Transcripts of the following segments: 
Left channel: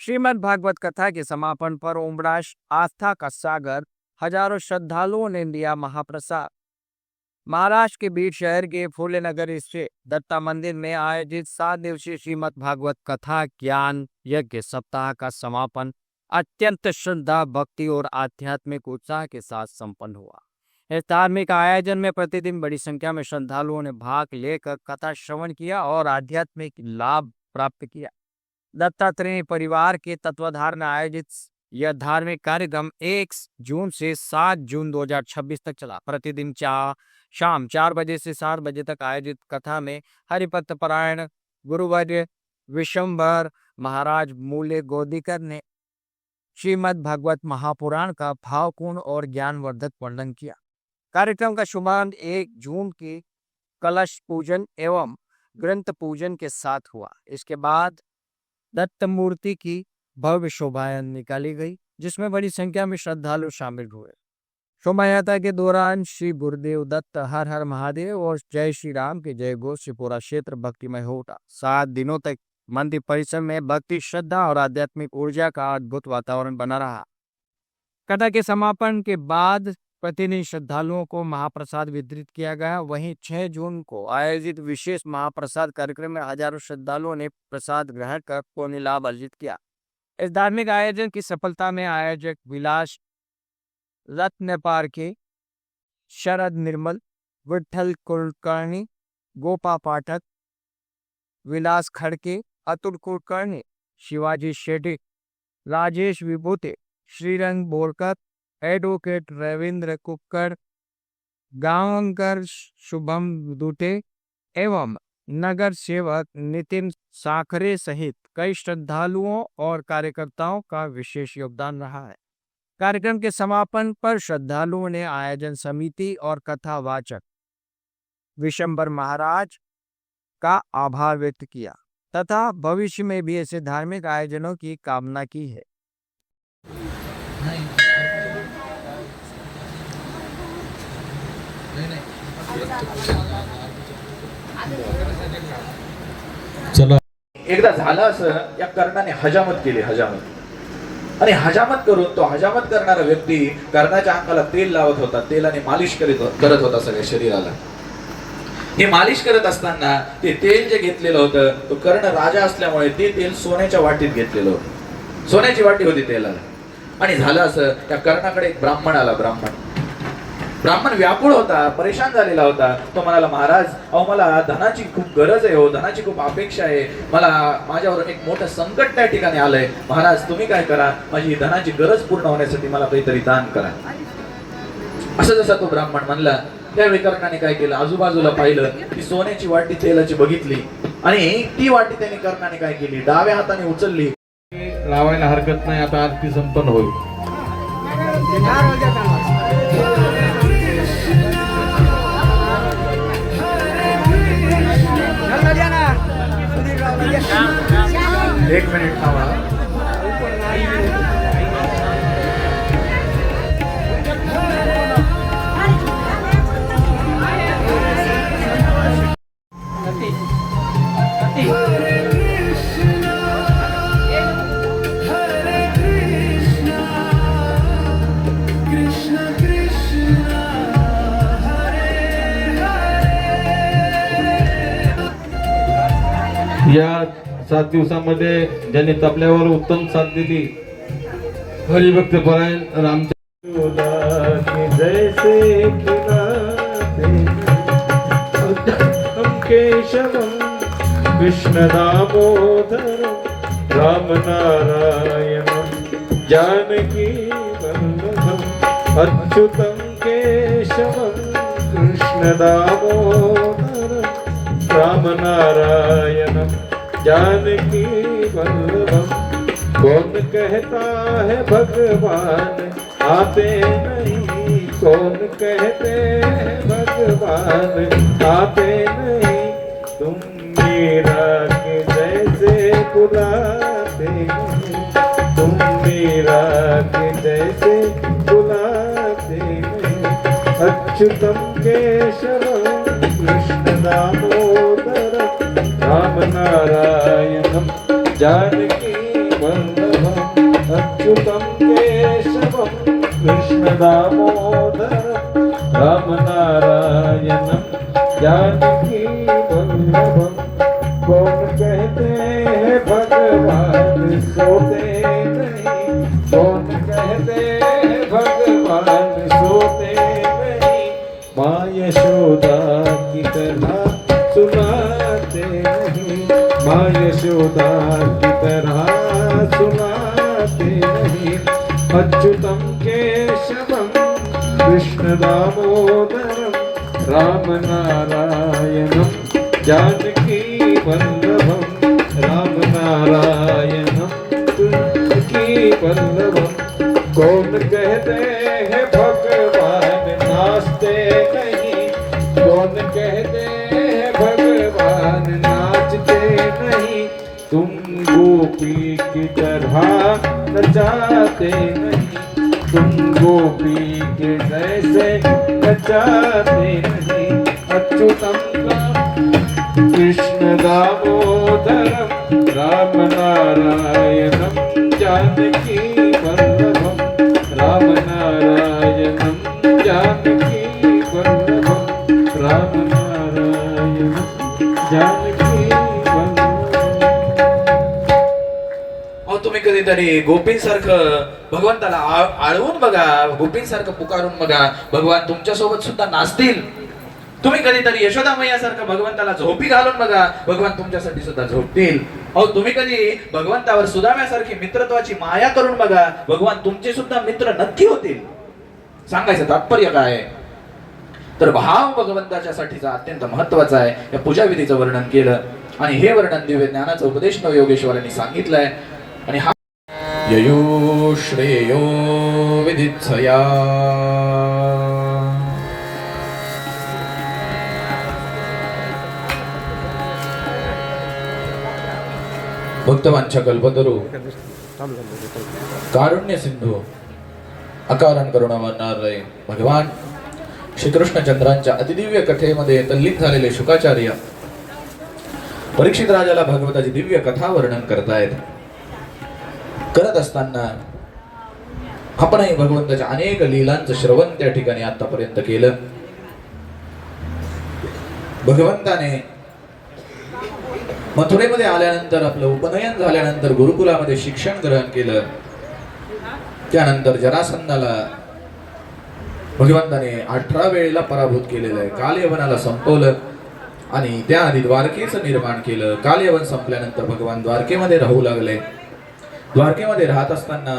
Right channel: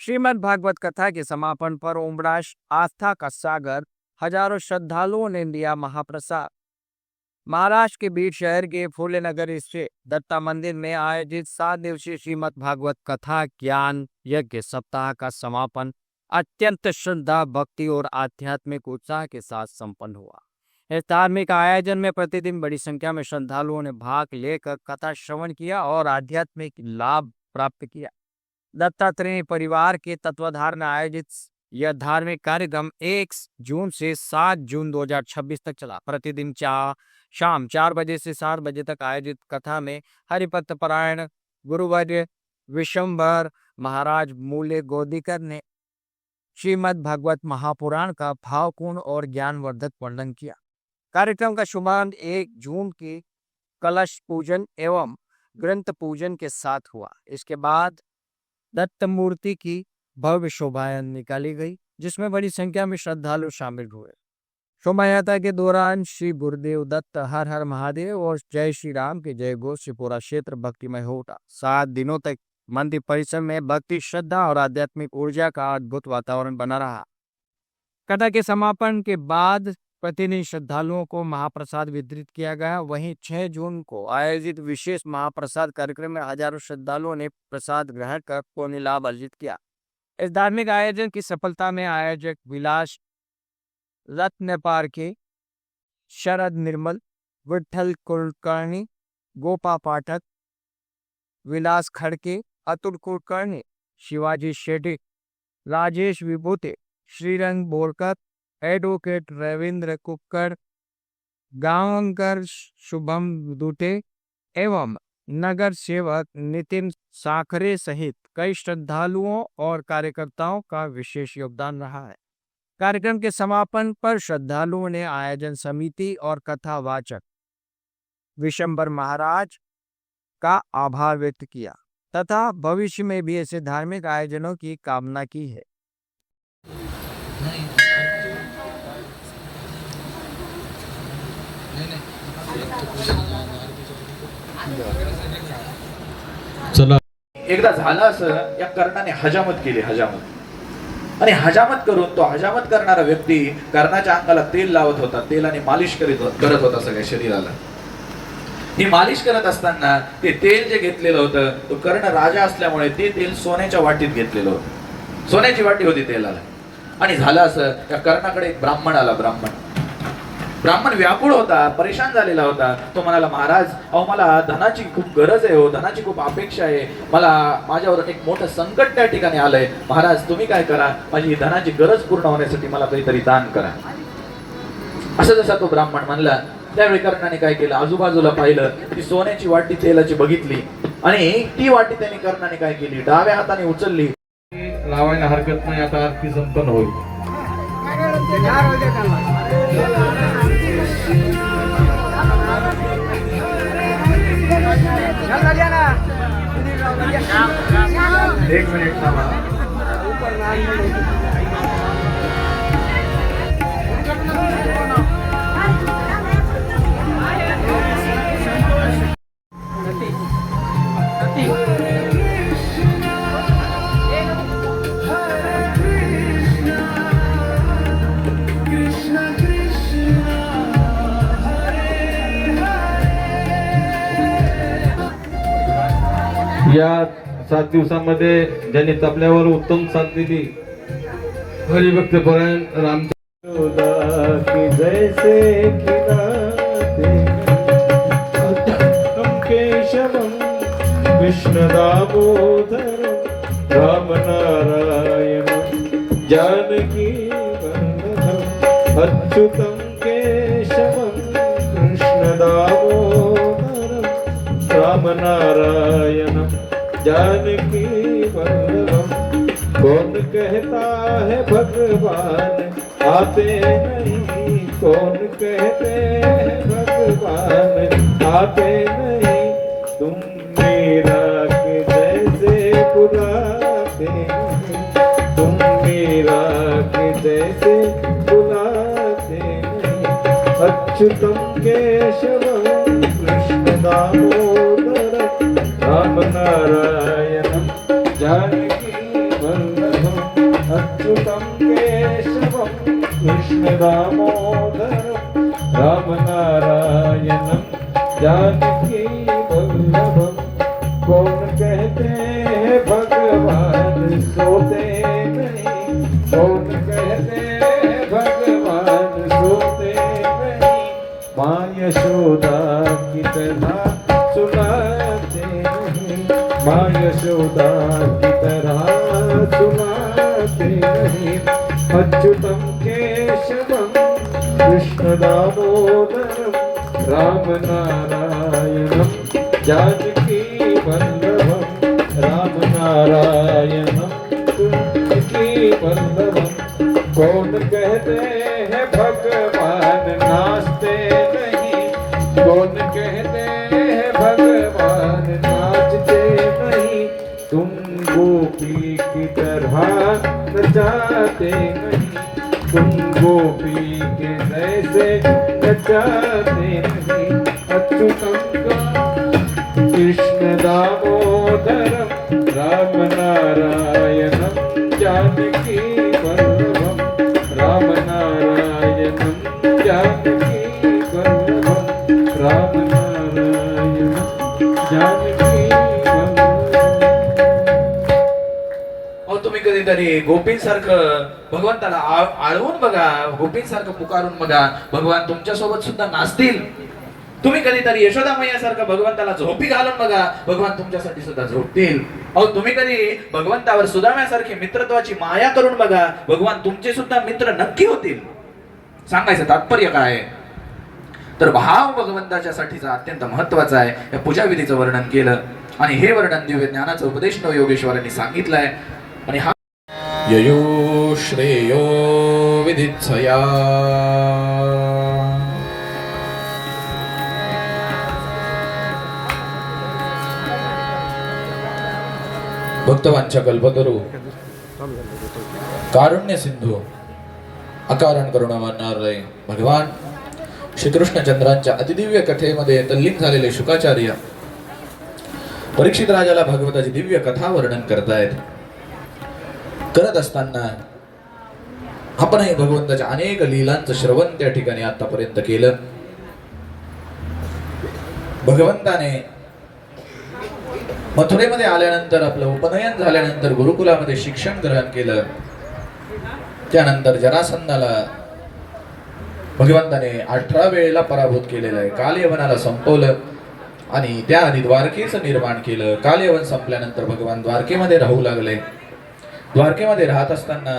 श्रीमद् भागवत कथा के समापन पर उमराश आस्था का सागर हजारों श्रद्धालुओं ने लिया महाप्रसाद। महाराष्ट्र के बीच शहर के फूले नगर स्थित दत्ता मंदिर में आयोजित 7 दिवसीय श्रीमद् भागवत कथा ज्ञान यज्ञ सप्ताह का समापन अत्यंत श्रद्धा भक्ति और आध्यात्मिक उत्साह के साथ संपन्न हुआ। इस धार्मिक आयोजन में प्रतिदिन बड़ी संख्या में श्रद्धालुओं ने भाग लेकर कथा श्रवण किया और आध्यात्मिक लाभ प्राप्त किया। दत्तात्रेय परिवार के तत्वाधान में आयोजित यह धार्मिक कार्यक्रम 1 जून से 7 जून 2026 तक चला। प्रतिदिन शाम 4 बजे से 7 बजे तक आयोजित कथा में हरिपत परायण गुरुवर्य विशंभर महाराज मूल्य गोदीकर ने श्रीमद् भागवत महापुराण का भावपूर्ण और ज्ञानवर्धक वर्णन किया। कार्यक्रम का शुभारंभ 1 जून के कलश पूजन एवं ग्रंथ पूजन के साथ हुआ। इसके बाद दत्त मूर्ति की भव्य शोभायात्रा निकाली गई, जिसमें बड़ी संख्या में श्रद्धालु शामिल हुए। शोभायात्रा के दौरान श्री गुरुदेव दत्त हर हर महादेव और जय श्री राम के जय घोष से पूरा क्षेत्र भक्तिमय हो उठा। 7 दिनों तक मंदिर परिसर में भक्ति श्रद्धा और आध्यात्मिक ऊर्जा का अद्भुत वातावरण बना रहा। कथा के समापन के बाद प्रतिदिन श्रद्धालुओं को महाप्रसाद वितरित किया गया। वहीं 6 जून को आयोजित विशेष महाप्रसाद कार्यक्रम में हजारों श्रद्धालुओं ने प्रसाद ग्रहण कर पुण्य लाभ अर्जित किया। इस धार्मिक आयोजन की सफलता में आयोजक विलास रत्नपार के शरद निर्मल, विठल कुलकर्णी, गोपा पाठक, विलास खड़के, अतुल कुलकर्णी, शिवाजी शेट्टी, राजेश विभूते, श्रीरंग बोरकर, एडवोकेट रविंद्र कुक्कर, गांवकर शुभम दुटे एवं नगर सेवक नितिन साखरे सहित कई श्रद्धालुओं और कार्यकर्ताओं का विशेष योगदान रहा है। कार्यक्रम के समापन पर श्रद्धालुओं ने आयोजन समिति और कथावाचक विशंभर महाराज का आभार व्यक्त किया तथा भविष्य में भी ऐसे धार्मिक आयोजनों की कामना की है। चला एकदा झालं असं, या कर्णाने हजामत केली, हजामत आणि हजामत करून तो हजामत करणारा व्यक्ती कर्णाच्या अंगाला तेल लावत होता, तेलाने मालिश करत होता सगळ्या शरीराला। हे मालिश करत असताना ते तेल जे घेतलेलं होतं, तो कर्ण राजा असल्यामुळे ते तेल सोन्याच्या वाटीत घेतलेलं होतं, सोन्याची वाटी होती तेलाला। आणि झालं असं, त्या कर्णाकडे एक ब्राह्मण आला। ब्राह्मण व्याकुळ होता, परेशान झालेला होता। तो म्हणाला, महाराज अहो मला धनाची खूप गरज आहे, हो धनाची खूप अपेक्षा आहे, मला माझ्यावर एक मोठं संकट त्या ठिकाणी आलंय, महाराज तुम्ही काय करा, माझी धनाची गरज पूर्ण होण्यासाठी मला काहीतरी दान करा। असं जसा तो ब्राह्मण म्हणला, त्यावेळी कर्णाने काय केलं, आजूबाजूला पाहिलं, ती सोन्याची वाटी तेलाची बघितली आणि ती वाटी त्याने कर्णाने काय केली, डाव्या हाताने उचलली। लावायला हरकत नाही, आता आरती संपन्न होईल। एक मिनिट थांबा। या 7 दिवसांमध्ये ज्यांनी तबल्यावर उत्तम साथ दिली, हरिभक्त परायण जैसे केशवम कृष्ण दामोदर राम नारायण जानकी वल्लभम अच्युतम केशवम कृष्ण दामोदर राम नारायण जानकी वल्लभम। कौन कहता है भगवान आते नहीं, कौन कहते हैं भगवान आते नहीं, तुम मेरा के जैसे बुलाते हैं, तुम मेरा के जैसे बुलाते हैं। अच्युतम केशवम कृष्ण दामोदर राम नारायणम जानकी वल्लभम। अच्युतं केशवं कृष्णदामोदरं रामनारायणं जानकी वल्लभं कौन कहते हैं भगवान सोते नहीं, कौन कहते हैं भगवान सोते नहीं, माँ यशोदा की तरह सुनाते नहीं, माँ यशोदा की तरह सुनाते नहीं। अच्युतं केशवं कृष्णदामोदरं रामनारायणं जानकी वल्लभं, रामनारायणं जानकी वल्लभं। कौन कहते हैं भगवान नाचते नहीं, कौन कहते हैं भगवान नाचते नहीं, तुम गोपी की तरह नचाते नहीं, तुम गोपी के जैसे नचाते नहीं। अच्युतं कृष्ण दामोदरं रामनारायणं जानकी वल्लभं, रामनारायणं जानकी वल्लभं, रामनारायणं जानकी वल्लभं। अहो तुम्ही कधीतरी गोपींसारखं भगवंताला आळवून बघा, गोपींसारखं पुकारून बघा, भगवान तुमच्या सोबत सुद्धा नाचतील. तुम्ही कधीतरी यशोदा मैयासारखं भगवंताला झोपी घालून बघा, भगवान तुमच्यासाठी सुद्धा झोपतील. अहो तुम्ही कधी भगवंतावर सुदाम्यासारखी मित्रत्वाची माया करून बघा, भगवान तुमचे सुद्धा मित्र नक्की होतील. सांगायचं तात्पर्य काय आहे, तर भाव भगवंताच्या साठीचा अत्यंत महत्वाचा आहे. या पूजाविधीचं वर्णन केलं आणि हे वर्णन दिव्य ज्ञानाचा उपदेश नवयोगेश्वरांनी सांगितलंय. आणि हा ययो श्रेयो विदित्सया भक्तवांच्या कल्पतरू कारुण्य सिंधू अकारण करुणावरणारे भगवान श्रीकृष्णचंद्रांच्या अतिदिव्य कथेमध्ये तल्लीन झालेले शुकाचार्य परीक्षित राजाला भागवताची दिव्य कथा वर्णन करतायत. करत असताना आपणही भगवंताच्या अनेक लीलांचं श्रवण त्या ठिकाणी आतापर्यंत केलं. भगवंताने मथुरेमध्ये आल्यानंतर आपलं उपनयन झाल्यानंतर गुरुकुलामध्ये शिक्षण ग्रहण केलं. त्यानंतर जरासंधाला भगवंताने 18 वेळेला पराभूत केलेलं आहे. कालयवनाला संपवलं आणि त्याआधी द्वारकेचं निर्माण केलं. कालयवन संपल्यानंतर भगवान द्वारकेमध्ये राहू लागले. द्वारकेमध्ये राहत असताना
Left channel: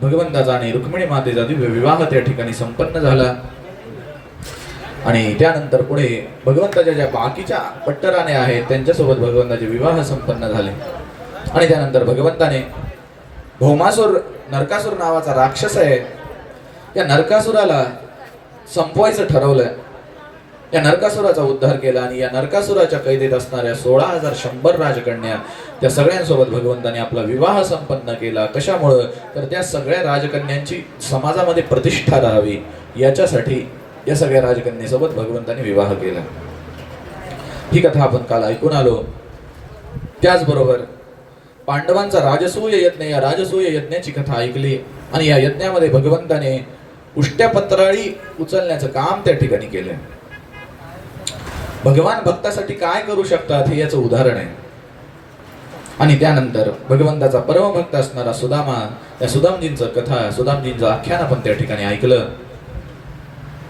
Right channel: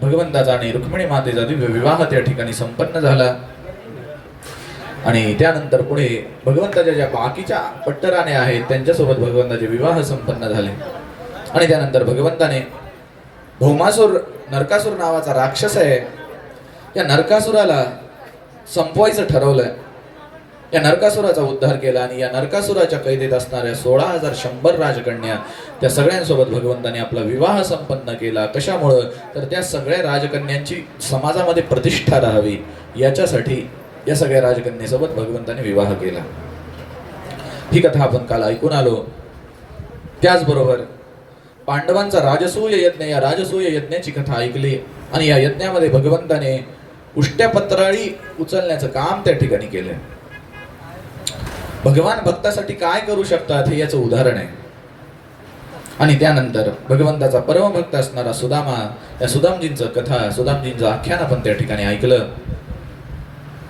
भगवंताचा आणि रुक्मिणी मातेचा दिव्य विवाह त्या ठिकाणी संपन्न झाला. आणि त्यानंतर पुढे भगवंताच्या ज्या बाकीच्या पट्टराणे आहेत त्यांच्यासोबत भगवंताचे विवाह संपन्न झाले. आणि त्यानंतर भगवंताने भौमासूर नरकासूर नावाचा राक्षस आहे, या नरकासुराला संपवायचं ठरवलं. या नरकासुराचा उद्धार केला आणि या नरकासुराच्या कैदेत असणाऱ्या 16,100 राजकन्या त्या सगळ्यांसोबत भगवंताने आपला विवाह संपन्न केला. कशामुळं, तर त्या सगळ्या राजकन्यांची समाजामध्ये प्रतिष्ठा राहावी याच्यासाठी या सगळ्या राजकन्येसोबत भगवंताने विवाह केला. ही कथा आपण काल ऐकून आलो. त्याचबरोबर पांडवांचा राजसूय यज्ञ, या राजसूय यज्ञाची कथा ऐकली आणि या यज्ञामध्ये भगवंताने उष्ट्यापत्राळी उचलण्याचं काम त्या ठिकाणी केलंय. भगवान भक्तासाठी काय करू शकतात हे याचं उदाहरण आहे. आणि त्यानंतर भगवंताचा परमभक्त असणारा सुदामा, या सुदामजींचं कथा, सुदामजींचं आख्यान आपण त्या ठिकाणी ऐकलं.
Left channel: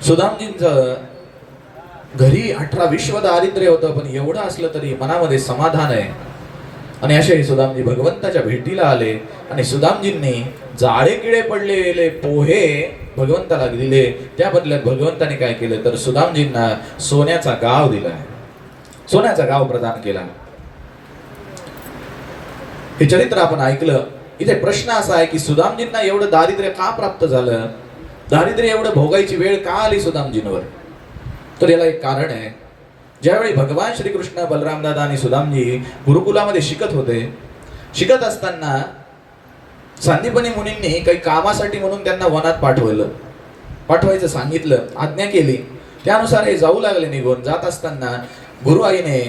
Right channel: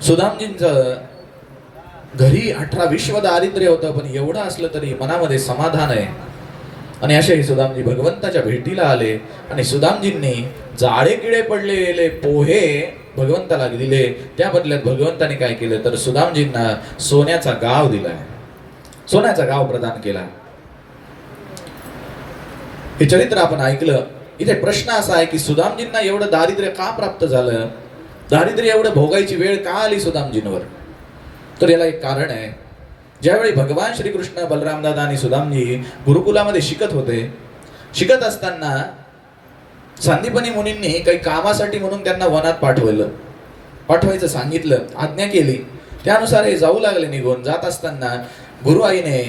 सुदामजींचं घरी 18 विश्व दारिद्र्य होतं, पण एवढं असलं तरी मनामध्ये समाधान आहे. आणि असे सुदामजी भगवंताच्या भेटीला आले आणि सुदामजींनी जाळे किडे पडलेले पोहे भगवंताला दिले. त्या बदल्यात भगवंताने काय केलं, तर सुदामजींना सोन्याचा गाव दिला, सोन्याचा गाव प्रदान केला. हे चरित्र आपण ऐकलं. इथे प्रश्न असा आहे की सुदामजींना एवढं दारिद्र्य का प्राप्त झालं, दारिद्र्य एवढं भोगायची वेळ का आली सुदामजींवर. तर याला एक कारण आहे. ज्यावेळी भगवान श्रीकृष्ण, बलरामदादा आणि सुदामजी गुरुकुलामध्ये शिकत होते, शिकत असताना सांदीपनी मुनींनी काही कामासाठी म्हणून त्यांना वनात पाठवायचं सांगितलं, आज्ञा केली. त्यानुसार हे जाऊ लागले. निघून जात असताना गुरु आईने,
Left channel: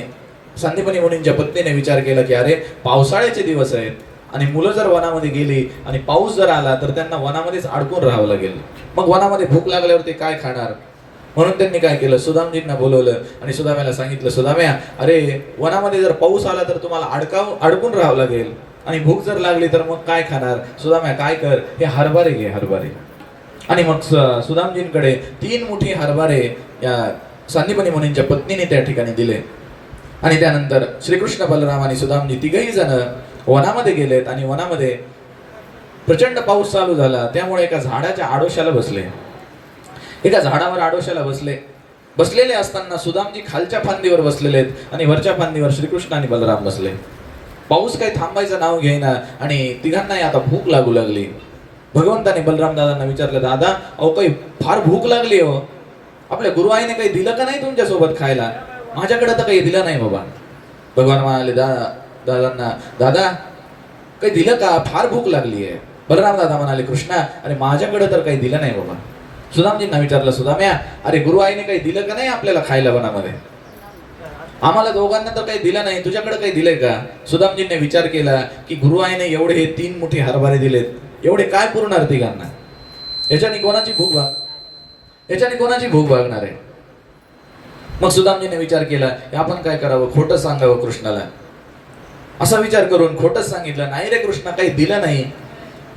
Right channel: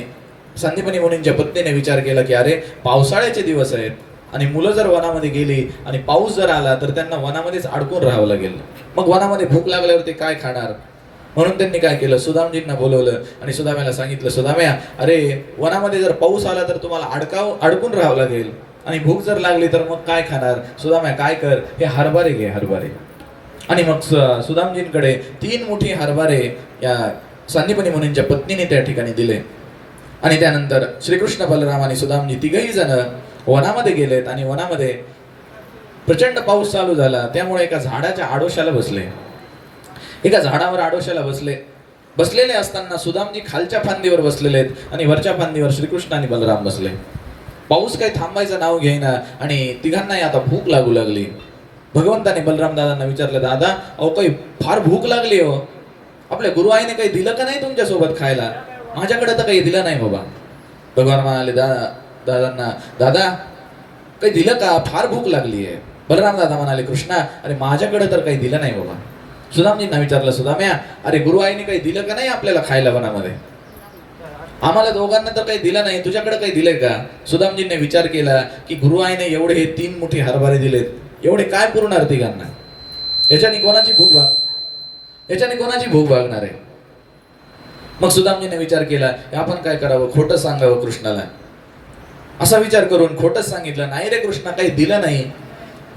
सांदीपनी मुनींच्या पत्नीने विचार केला की अरे पावसाळ्याचे दिवस आहेत, आणि मुलं जर वनामध्ये गेली आणि पाऊस जर आला तर त्यांना वनामध्येच अडकून राहावं लागेल. मग वनामध्ये भूक लागल्यावर ते काय खाणार? म्हणून त्यांनी काय केलं, सुदामजींना बोलवलं आणि सुदाम्याला सांगितलं, सुदाम्या, अरे वनामध्ये जर पाऊस आला तर तुम्हाला अडकून राहावं लागेल आणि भूक जर लागली तर मग काय खाणार? सुदाम्या काय कर, हे हरभरे घे, हरभरे. आणि मग सुदामजींकडे 3 मोठी हरभरे या सांदीपनी मुनींच्या पत्नीने त्या ठिकाणी दिले. आणि त्यानंतर श्रीकृष्ण, बलराम आणि सुदामजी तिघही जण वनामध्ये गेलेत आणि वनामध्ये प्रचंड पाऊस चालू झाला. त्यामुळे एका झाडाच्या आडोशाला बसले. एका झाडावर आडोशाला बसलेले असताना सुदामजी खालच्या फांदीवर बसलेले आहेत आणि वरच्या फांदीवर श्रीकृष्ण आणि बलराम बसले. पाऊस काही थांबायचं नाव घेईना आणि तिघांनाही आता भूक लागू लागली. भगवंताने बलराम दादांना विचारलं, दादा अहो काही फार भूक लागली हो, आपल्या गुरुआईने काही दिलं का नाही तुमच्यासोबत खायला? माझ्याकडे तर काही दिलं नाही बाबा. भगवान म्हणाले दादांना, दादा काही दिलं का, फार भूक लागली आहे. बलराम दादा म्हणाले, कृष्णा अरे माझ्याकडे तर काही दिलं नाही बाबा. सुदामजींना विचारलं, सुदाम्या अरे गुरुआईने काही दिलं का नाही आपल्याला खायला वनामध्ये? आम्हाला दोघांना तर काही दिलं नाही, तुझ्याकडे काही दिलंय का? सुदामजींनी विचार केला की गुरुआईने एवढे हे 3 मोठे हरभरे दिलेत, एवढे काय पुरणार तिघांना? याच्याने कोणाची भूक भागणार आहे? मग सुदामजीने विचार केला आपण काय करावं, खोटं सांगावं कृष्णाला. असा विचार करून खोटंच सांगितलं, नाही रे कृष्णा काही दिलं नाही.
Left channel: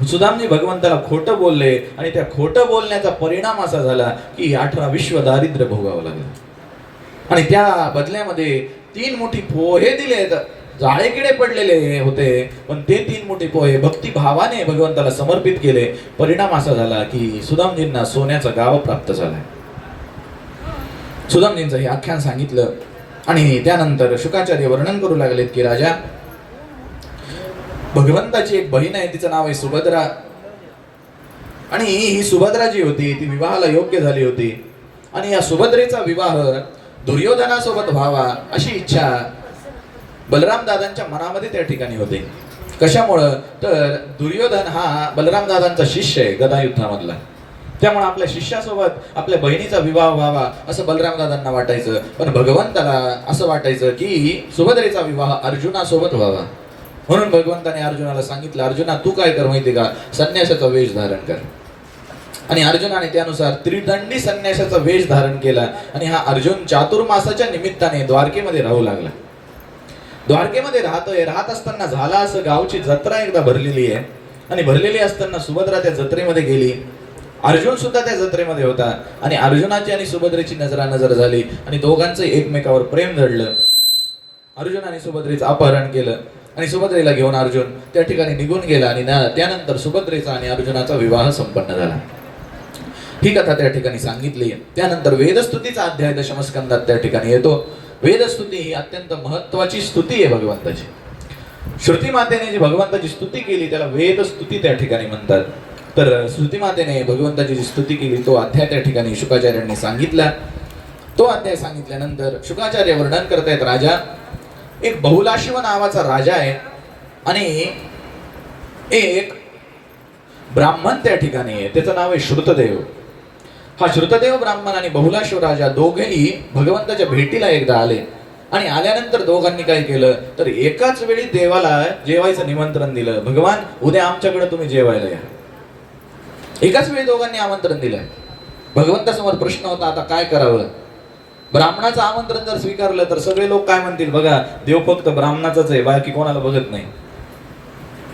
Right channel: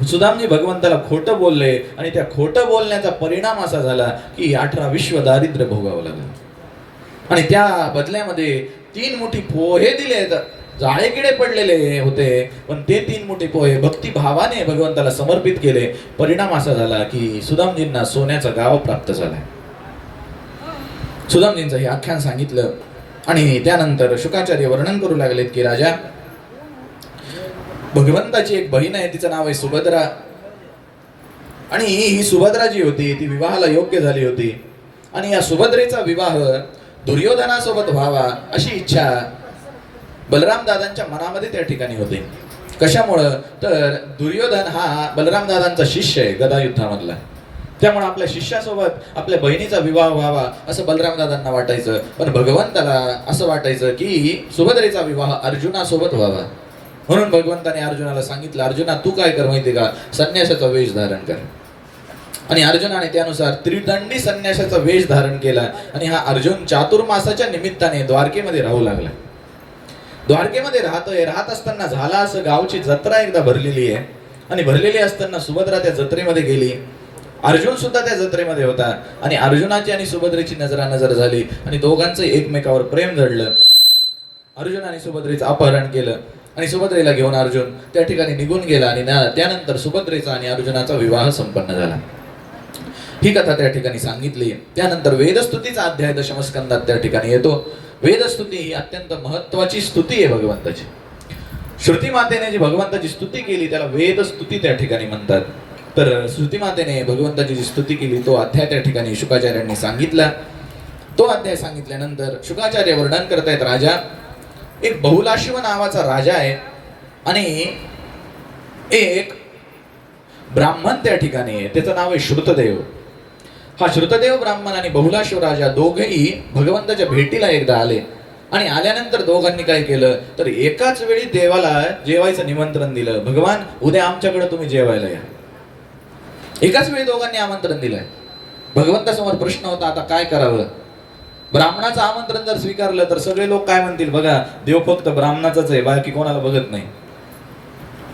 सुदामजी भगवंताला खोटं बोलले आणि त्या खोटं बोलण्याचा परिणाम असा झाला की 18 विश्व दारिद्र्य भोगावं लागलं. आणि त्या बदल्यामध्ये 3 मोठी पोहे दिले. जाळेकिडे पडलेले होते पण ते 3 मोठे पोहे भक्तिभावाने भगवंताला समर्पित केले. परिणाम असा झाला की सुदामजींना सोन्याचा गाव प्राप्त झाला. सुदामजींचं हे आख्यान सांगितलं आणि त्यानंतर शुकाचार्य वर्णन करू लागलेत की राजा, भगवंताची एक बहीण आहे, तिचं नाव आहे सुभद्रा. आणि ही सुभद्रा जी होती ती विवाहाला योग्य झाली होती आणि या सुभद्रेचा विवाह दुर्योधनासोबत व्हावा अशी इच्छा बलराम दादांच्या मनामध्ये त्या ठिकाणी होती. कशामुळं तर दुर्योधन हा बलराम दादांचा शिष्य आहे गदा युद्धामधला. त्यामुळे आपल्या शिष्यासोबत आपल्या बहिणीचा विवाह व्हावा असं बलराम दादांना वाटायचं. पण भगवंताला असं वाटायचं की सुभद्रेचा विवाह अर्जुनासोबत व्हावा. म्हणून भगवंताने अर्जुनाला सांगितलं, अर्जुना तू काय कर माहिती का, संन्यासाचा वेश धारण कर. आणि अर्जुनाने त्यानुसार त्रिदंडी संन्यासाचा वेश धारण केला. आणि हा अर्जुन चातुर्मासाच्या निमित्ताने द्वारकेमध्ये राहू लागला. द्वारकेमध्ये राहत असताना झाला असं, गावची जत्रा एकदा भरलेली आहे आणि भरलेली असताना सुभद्रा त्या जत्रेमध्ये गेली. अर्जुन सुद्धा त्या जत्रेमध्ये होता आणि अर्जुनाची आणि सुभद्रेची नजरानजर झाली आणि दोघांचं एकमेकावर प्रेम जडलं. अर्जुनाने सुभद्रेचं अपहरण केलं आणि सुभद्रेला घेऊन अर्जुन त्या ठिकाणी निघून गेला आणि त्यानंतर सुभद्रेचा आणि अर्जुनाचा विवाह संपन्न झाला. ही कथा त्या ठिकाणी सांगितली. त्यानंतर वेदस्तुतीचा अध्याय दशमस्कंदात त्या ठिकाणी येतो. वेदस्तुती ही अत्यंत महत्वाची स्तुती आहे भगवंताची. श्रुती मातेने जी भगवंताची स्तुती केली त्याला वेदस्तुती त्या ठिकाणी म्हणतात. तर श्रुती मातेने भगवंताची जी स्तुती केली तो अध्याय त्या ठिकाणी शुकाचार्यांनी सांगितला. तो अध्याय सांगितल्यानंतर शुकाचार्य वर्णन करतायत, राजा एक बहुलाश्व नावाचा राजा आहे आणि एक ब्राह्मण त्या ठिकाणी आहे, त्याचं नाव आहे श्रुतदेव. हा श्रुतदेव ब्राह्मण आणि बहुलाश्व राजा दोघेही भगवंताच्या भेटीला एकदा आले आणि आल्यानंतर दोघांनी काय केलं तर एकाच वेळी देवाला जेवायचं निमंत्रण दिलं. भगवान उद्या आमच्याकडे तुम्ही जेवायला या. एकाच वेळी दोघांनी आमंत्रण दिलंय. भगवंतासमोर प्रश्न होता आता काय करावं. ब्राह्मणाचं आमंत्रण जर स्वीकारलं तर सगळे लोक काय म्हणतील, बघा देव फक्त ब्राह्मणाचाच आहे, बाकी कोणाला बघत नाही.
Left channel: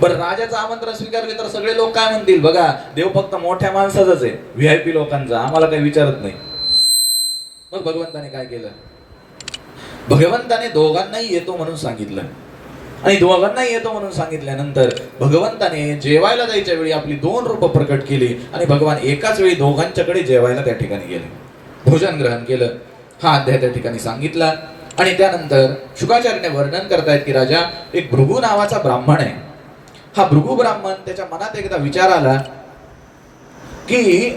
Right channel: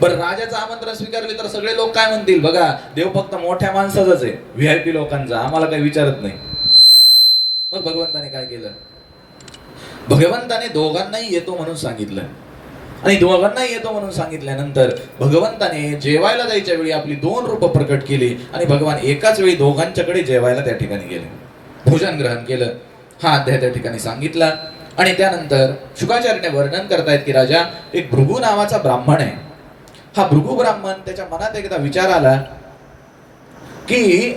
बरं राजाचं आमंत्रण स्वीकारले तर सगळे लोक काय म्हणतील, बघा देव फक्त मोठ्या माणसाचाच आहे, व्हीआयपी लोकांचा, आम्हाला काही विचारत नाही. मग भगवंताने काय केलं, भगवंताने दोघांनाही येतो म्हणून सांगितलं आणि दोघांनाही येतो म्हणून सांगितल्यानंतर भगवंताने जेवायला जायच्या वेळी आपली 2 रूपं प्रकट केली आणि भगवान एकाच वेळी दोघांच्याकडे जेवायला त्या ठिकाणी गेले, भोजन ग्रहण केलं. हा अध्याय त्या ठिकाणी सांगितला. आणि त्यानंतर शुकाचार्याने वर्णन करतायत की राजा एक भृगु नावाचा ब्राह्मण आहे. हा भृगु ब्राह्मण त्याच्या मनात एकदा विचार आला की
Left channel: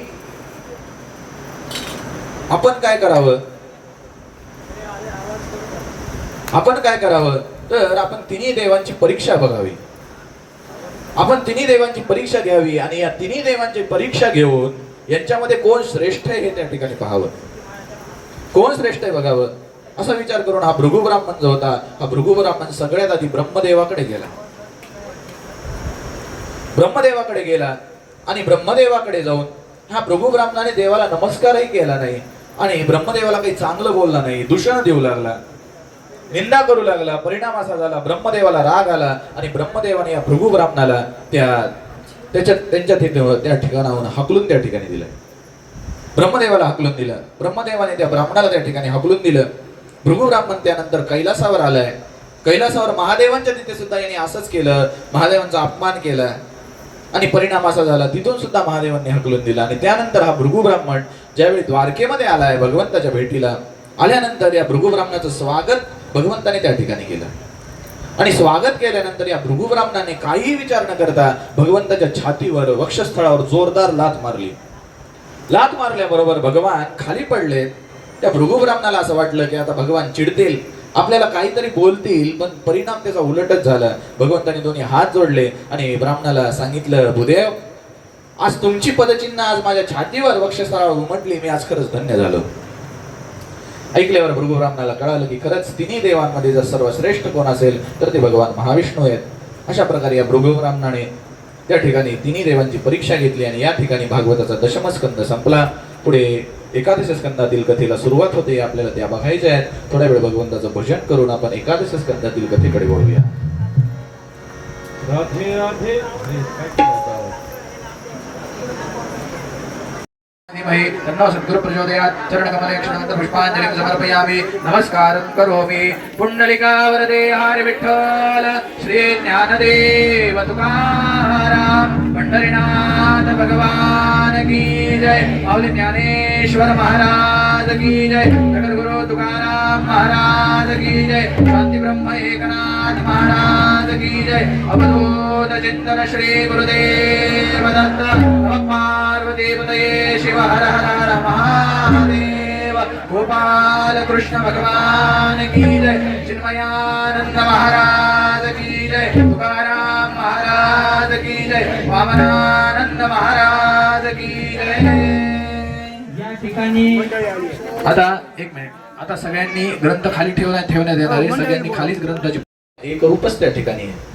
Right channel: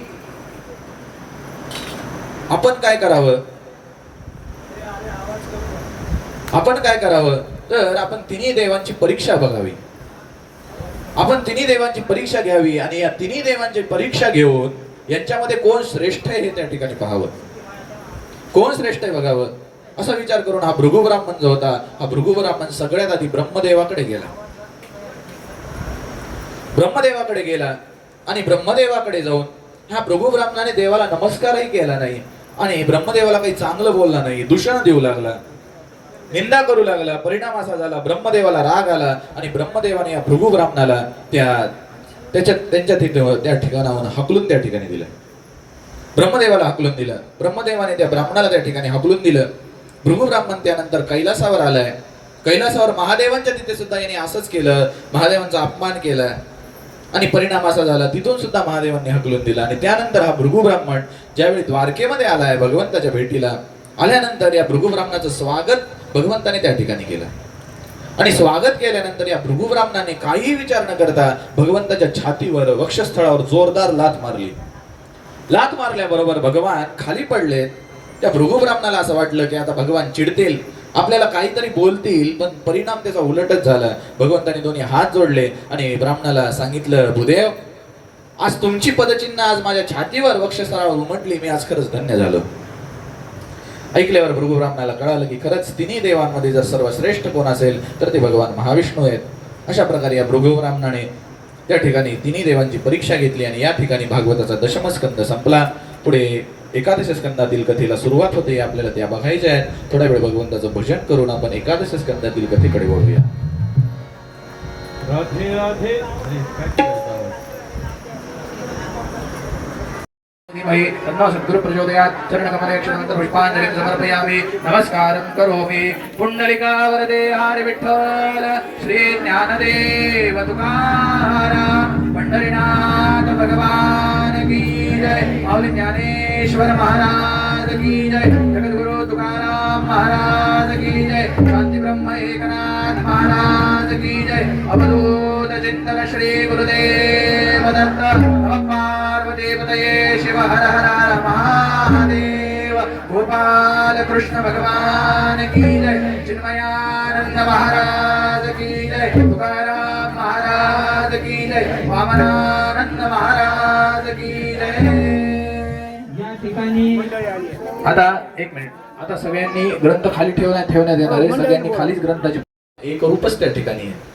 आपण काय करावं तर आपण तिन्ही देवांची परीक्षा बघावी. आपण तिन्ही देवांची परीक्षा घ्यावी आणि या तिन्ही देवांची परीक्षा घेऊन यांच्यामध्ये कोण श्रेष्ठ आहे हे त्या ठिकाणी पाहावं, कोण श्रेष्ठ आहे बघावं. असा विचार करून हा भृगु ब्राह्मण जो होता, हा भृगु ब्राह्मण सगळ्यात आधी ब्रह्मदेवाकडे गेला ब्रह्मदेवाकडे गेला आणि ब्रह्मदेवाकडे जाऊन ह्या प्रभू ब्राह्मणाने देवाला नमस्कारही केला नाही आणि ब्रह्मदेवाला काही चांगलं बोलला नाही, दूषण देऊ लागला, निंदा करू लागला. परिणाम असा झाला, ब्रह्मदेवाला राग आला आणि ब्रह्मदेवाने या भृगू ब्राह्मणाला त्यांच्या त्या ठिकाणाहून हकलून त्या ठिकाणी दिलं. ब्रह्मदेवाला हकलून दिलं. ब्रह्मदेवाने त्या ब्राह्मणाला त्या ठिकाणी हकलून दिलं. भृगू ब्राह्मण त्यानंतर कैलासावर आलाय. कैलासावर महादेवांच्या तिथे सुद्धा यांनी असंच केलं, महादेवांचा अपमान केला आणि परिणाम असा झाला, तिथून सुद्धा महादेवांनी हकलून दिला. आणि त्यानंतर हा भृगू ब्राह्मण ज्यावेळी द्वारकेमध्ये आलाय भगवंताच्या भेटीला, आल्यानंतर या भृगू ब्राह्मणाचं स्वागत भगवंताने त्या ठिकाणी केलं. आणि स्वागत केल्यानंतर या भृगू ब्राह्मणाने काही विचार न करता भगवंताच्या छातीवर वक्षस्थळावर जोरदार लाथ मारली. लाथ मारल्याबरोबर भगवान खाली पडले. त्या भृगू ब्राह्मणाला असं वाटलं की आता भगवान चिडतील, आपल्याला काहीतरी बोलतील, पण परिणाम त्याचा उलटच झाला. भगवंताने दोन्ही हात जोडले आणि ब्राह्मणाला सांगितलं, भूदेव, आज तुमची पदचिन्ह आज माझ्या छातीवर वक्षस्थळावर उमटली, मी आज खरंच धन्य झालो. ऐकल्यावर भृगू ब्राह्मणाला कळालं की खरंच तिन्ही देवांमध्ये जर सर्वश्रेष्ठ कोण असेल तर ते भगवान महाविष्णू आहेत. अशा प्रकारे या भृगू ब्राह्मणाने त्या ठिकाणी तिन्ही देवांची परीक्षा घेतली आणि या ठिकाणी भागवताचा दशमस्कंद संपला. पुढे एकादश स्कंदातील कथेला सुरुवात होते, आपल्याला त्या बघायच्या आहेत. थोड्या वेळ भगवंताचं भजन करून आपण एकादश स्कंदातील कथेकडे वळूया. राधे राधे. तन्नो सद्गुरु प्रचोदयात्. चरणकमलेक्षणान्त पुष्पाञ्जलिं समर्पयामि. नमस्कारं करोमि. पुण्डलिकावरदे हरि विठ्ठल श्री ज्ञानदेव तुकाराम पंढरीनाथ भगवान की जय. माऊली ज्ञानेश्वर महाराज की जय. जगद्गुरु तुकाराम महाराज की जय. शांती ब्रह्म एकनाथ महाराज की जय. अवधूत चिंतन श्री गुरुदेव दत्त. पार्वती पतये शिव हर हर हर महादेव. गोपाल कृष्ण भगवान की जय. चिन्मयानंद महाराज की जय. तुकाराम महाराज की जय. वामनानंद महाराज की जय. या ठिकाणी आता एक मिनिट, आता सगळ्यांनी ग्रंथ खाली ठेवण्यात येणार आहे. सगळ्यांनी खालीच ग्रंथाची एक रूपच त्या ठिकाणी आहे.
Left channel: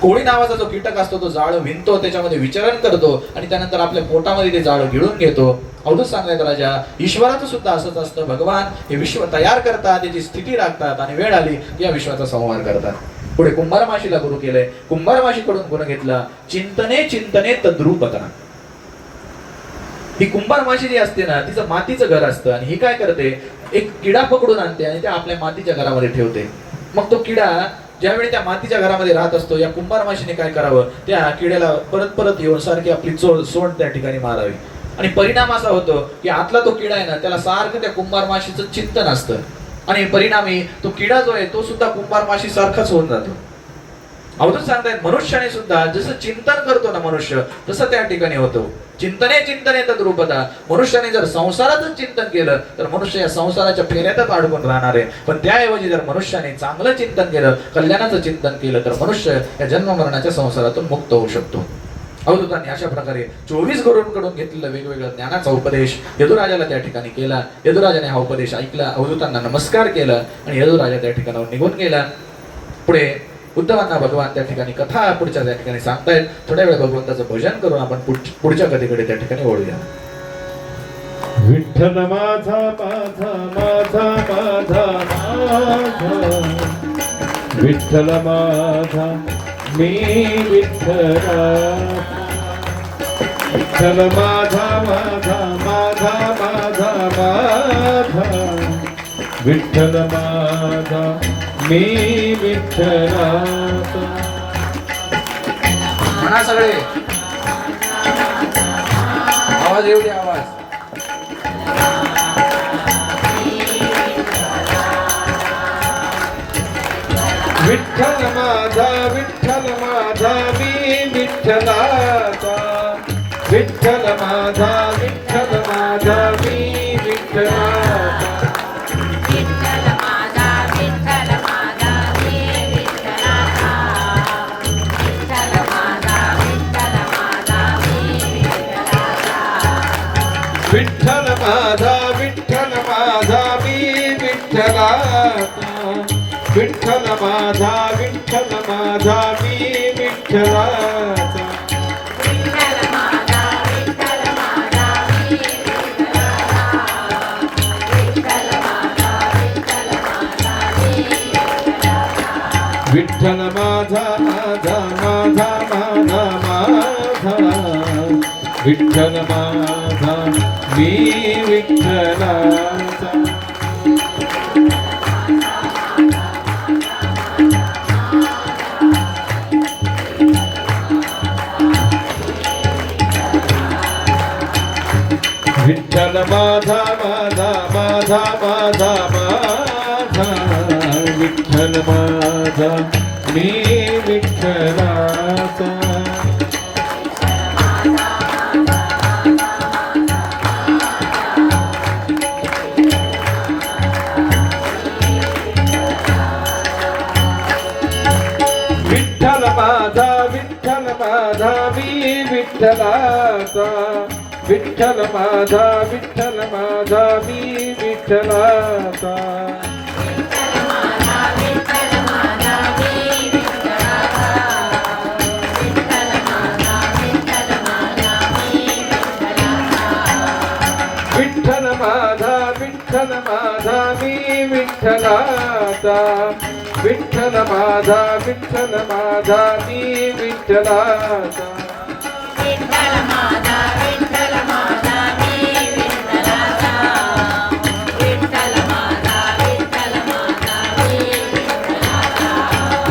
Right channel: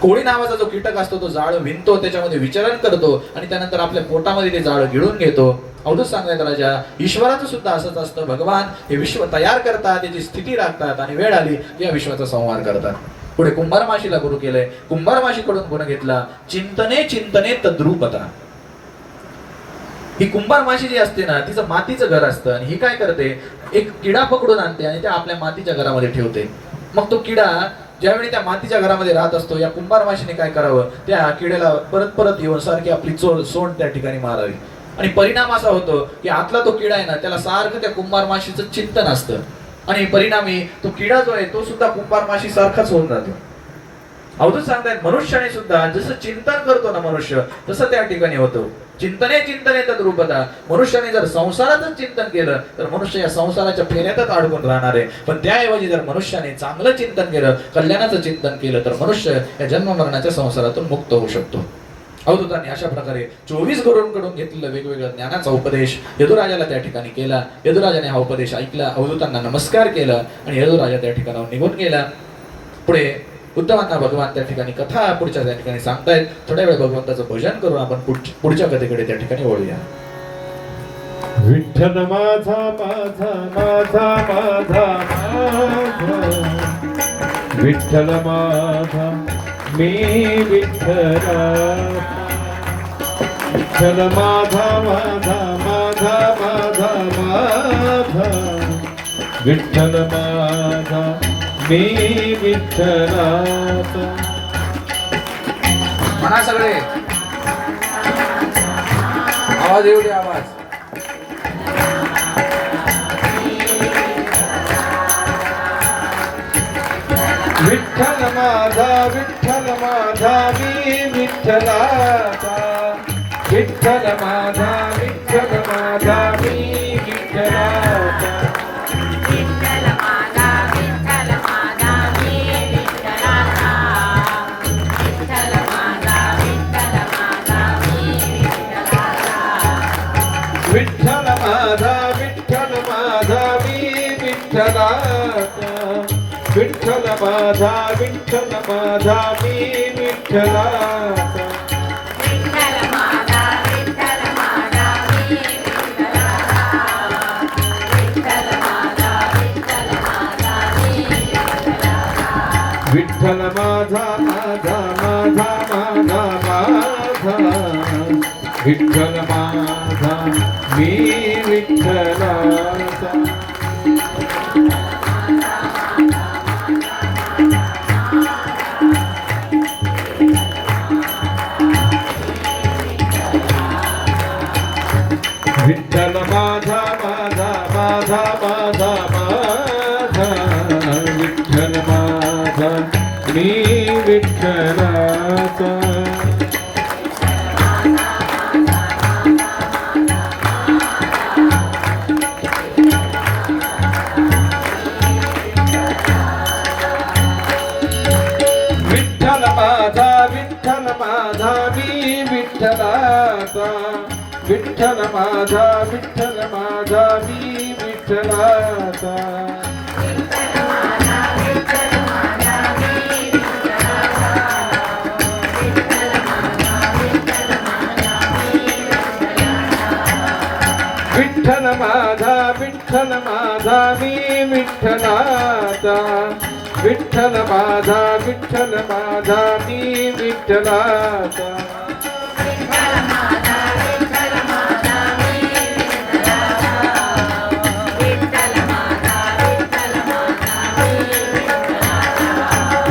कोळी नावाचा जो कीटक असतो तो जाळ विणतो, त्याच्यामध्ये विचरण करतो आणि त्यानंतर आपल्या पोटामध्ये ते जाळ गिळून घेतो. अवधूत सांगतायत राजा, ईश्वराचं सुद्धा असंच असतं. भगवान हे विश्व तयार करतात, त्याची स्थिती राखतात आणि वेळ आली या विश्वाचा संहार करतात. पुढे कुंभारमाशीला गुरु केलंय. कुंभारमाशीकडून गुण घेतला, चिंतने चिंतने तद्रूपता. ही कुंभारमाशी जी असते ना, तिचं मातीचं घर असतं आणि ही काय करते, एक किडा पकडून आणते आणि त्या आपल्या मातीच्या घरामध्ये ठेवते. मग तो किडा ज्यावेळी त्या मातीच्या घरामध्ये राहत असतो, या कुंभारमाशीने काय करावं, त्या किड्याला परत परत येऊन सारखी आपली सोंड त्या ठिकाणी मारावी. आणि परिणाम असा होतो की आतला तो किडा आहे ना, त्याला सारखं त्या कुंभारमाशीचं चिंतन असतं आणि परिणामी तो किडा जो आहे तो सुद्धा कुंभारमाशी सारखाच होऊन जातो. अवधूत सांगतायत, मनुष्याने सुद्धा जसं चिंतन करतो ना मनुष्य, तसं त्या ठिकाणी होतं. चिंतने चिंतने तद्रूपता. मनुष्याने जर संसारातच चिंतन केलं तर मनुष्य या संसाराच्या फेऱ्यातच अडकून राहणार आहे. पण त्याऐवजी जर मनुष्याने चांगलं चिंतन केलं, कल्याणाचं चिंतन केलं, तर मनुष्य या जन्म मरणाच्या संसारातून मुक्त होऊ शकतो. अवधूतांनी अशा प्रकारे 24 गुरूंकडून घेतलेलं वेगवेगळ्या ज्ञानाचा उपदेश यदुराजाला त्या ठिकाणी केला. यदुराजाने हा उपदेश ऐकला, अवधूतांना नमस्कार केला आणि यदुराजा त्या ठिकाणाहून निघून गेला. पुढे उद्धवांना भगवान त्या ठिकाणी कथा पुढच्या त्या ठिकाणी सांगतायत. थोड्या वेळ भगवंताचं भजन करून आपण पुढच्या कथेकडे त्या ठिकाणी वळूया. विठ्ठल माझा माझा माझा माझा माझा. विठ्ठल माझा मी विठ्ठला. विठ्ठल माझा माझा माझा माझा माझा. विठ्ठल माझा मी विठ्ठलाचा. म्हणा सगळे, आवाज येऊ दे, आवाज. विठ्ठल माझा मी विठ्ठलाचा. विठ्ठल माझा मी विठ्ठलाचा. विठ्ठल माझा मी विठ्ठलाचा. विठ्ठल माझा मी विठ्ठलाचा. विठ्ठल माझा माझा माझा माझा माझा विठ्ठल माझा मी विठ्ठलाचा विठ्ठल माझा माझा माझा माझा माझा विठ्ठल माझा मी विठ्ठलाचा विठ्ठल माझा मी विठ्ठलाचा विठ्ठल माझा मी विठ्ठलाचा विठ्ठल माझा मी विठ्ठलाचा विठ्ठल माझा मी विठ्ठलाचा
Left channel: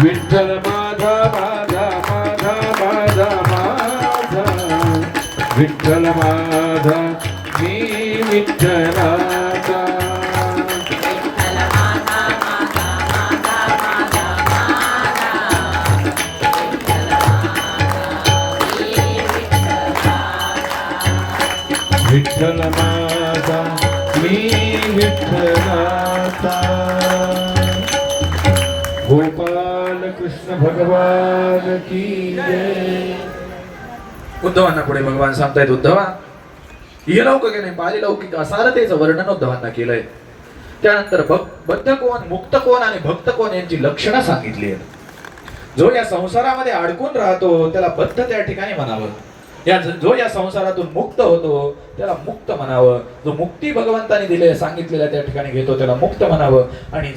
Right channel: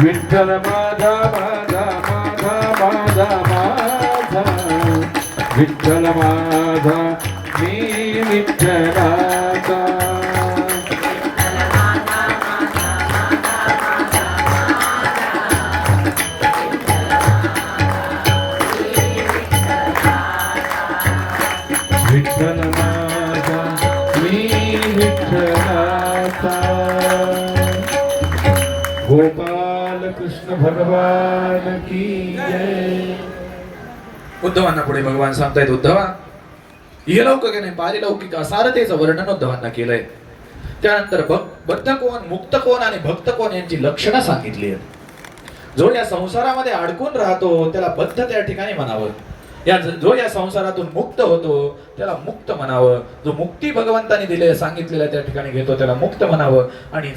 विठ्ठल माझा माझा माझा माझा माझा विठ्ठल माझा मी विठ्ठलाचा विठ्ठल माझा मी विठ्ठलाचा गोपाल कृष्ण भगवान की जय. उद्धवांना पुढे भगवान सांगतायत, उद्धवा इहलौकिक आणि पारिलौकिक असारतेचं वर्णन उद्धवांना केलंय. त्यानंतर बद्ध कोण, मुक्त कोण आणि भक्त कोण यांची लक्षणं सांगितली आहेत. जो या संसारामध्ये अडकून राहतो त्याला बद्ध त्या ठिकाणी म्हणावं. जो या संसारातून मुक्त होतो त्याला मुक्त म्हणावं. जो मुक्ती भगवंताने दिले सांगितलेल्या त्या ठिकाणी घेतो त्याला मुक्त म्हणावं. आणि जो